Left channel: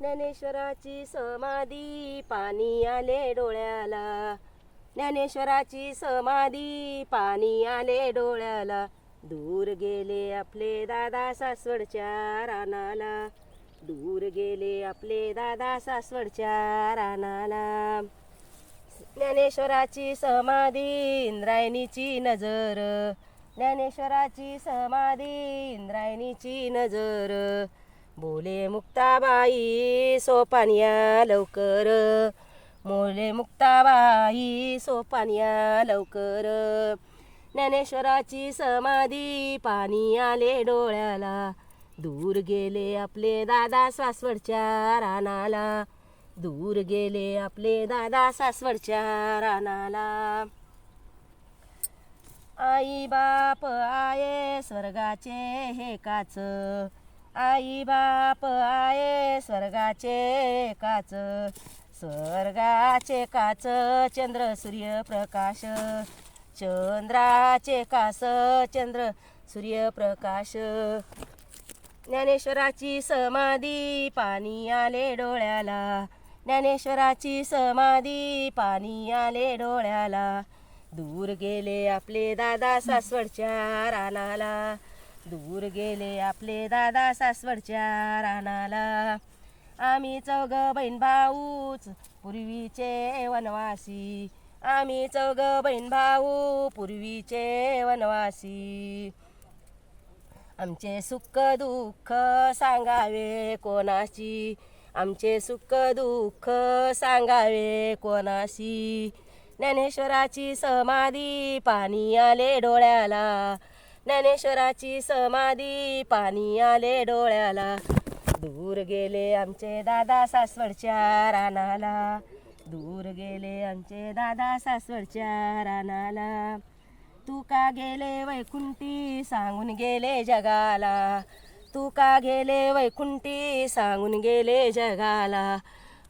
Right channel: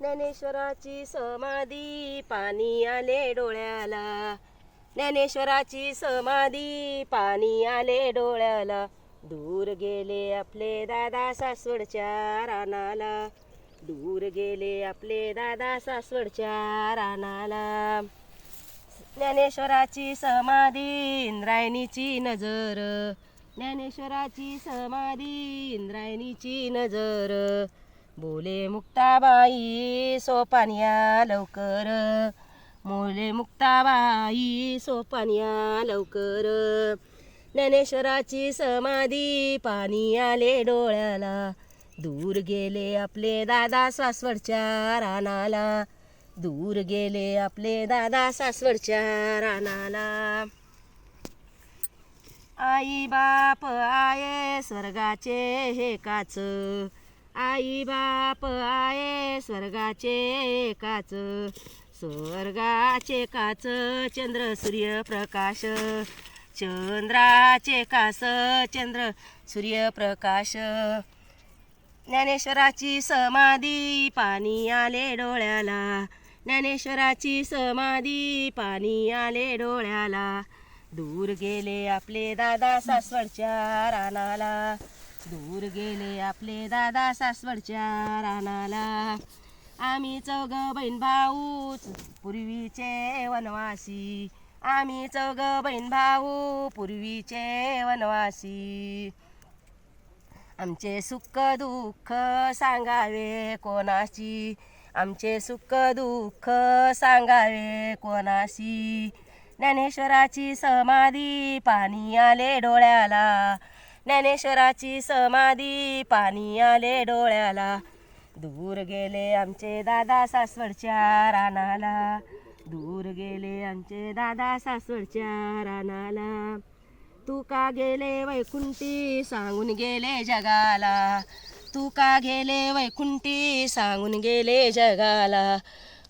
ज्ञानेश्वराची समाधी पाणी आले डोळ्याला, ज्ञानेश्वराची समाधी पाणी आले डोळ्याला, दूर गेले आपले दादा सासवडच्या रानाला, दूर गेले आपले दादा सासवडच्या रानाला. ज्ञानेश्वराची समाधी इंद्रायणीची नजर, ज्ञानेश्वराची समाधी इंद्रायणीची नजर, बोले मुक्ताबाई सोपानिया लवकर, बोले मुक्ताबाई सोपानिया लवकर. ज्ञानेश्वराची समाधी पाणी आले डोळ्याला, दूर गेले आपले दादा सासवडच्या रानाला, दूर गेले आपले दादा सासवडच्या रानाला. आई बाप आये स्वर्गाचे हे काच, आई बाप आये स्वर्गाचे काच, स्वर्गाचे काच चंद्र सूर्यप्रकाश, चंद्राचे काच चंद्र सूर्यप्रकाश. ज्ञानेश्वराची समाधी पाणी आले डोळ्याला, ज्ञानेश्वराची समाधी पाणी आले डोळ्याला, दूर गेले आपले दादा सासवडच्या रानाला, दूर गेले आपले दादा सासवडच्या रानाला. आम्ही चौघ बहीण भाऊच पूर्वीचे वनवासी, आम्ही चौघ बहीण भाऊ पूर्वीचे वनवासी, आमचे सुख दुःख सांगावे कोणाशी, आमचे सुख दुःख सांगावे कोणाशी. ज्ञानेश्वराची समाधी पाणी आले डोळ्याला, ज्ञानेश्वराची समाधी पाणी आले डोळ्याला, दूर गेले आमचे दादा सासवडच्या रानाला, दूर गेले आमचे दादा सासवडच्या रानाला. तू का गेले वैकुंठी सांगून गेले जगाला, तू का गेले वैकुंठी सांगून गेले जगाला,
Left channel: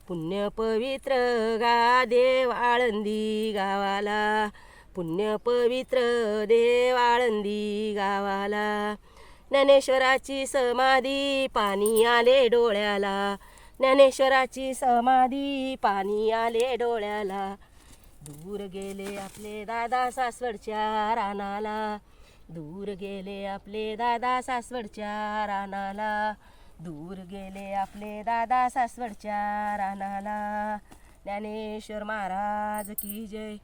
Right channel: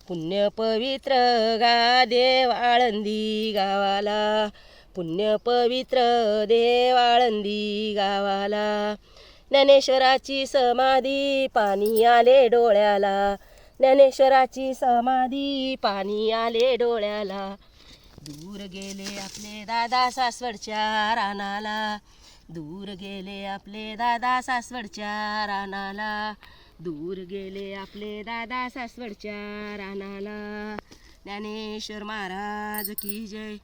पुण्य पवित्र गा देव आळंदी गावाला, पुण्य पवित्र देव आळंदी गावाला. ज्ञानेश्वराची समाधी पाणी आले डोळ्याला, ज्ञानेश्वराची समाधी पाणी आले डोळ्याला, दूर गेले आपले दादा सासवडच्या रानाला, दूर गेले आपले दादा सासवडच्या रानाला, दूर गेले आपले दादा सासवडच्या रानाला. ज्ञानेश्वर महाराज की जय.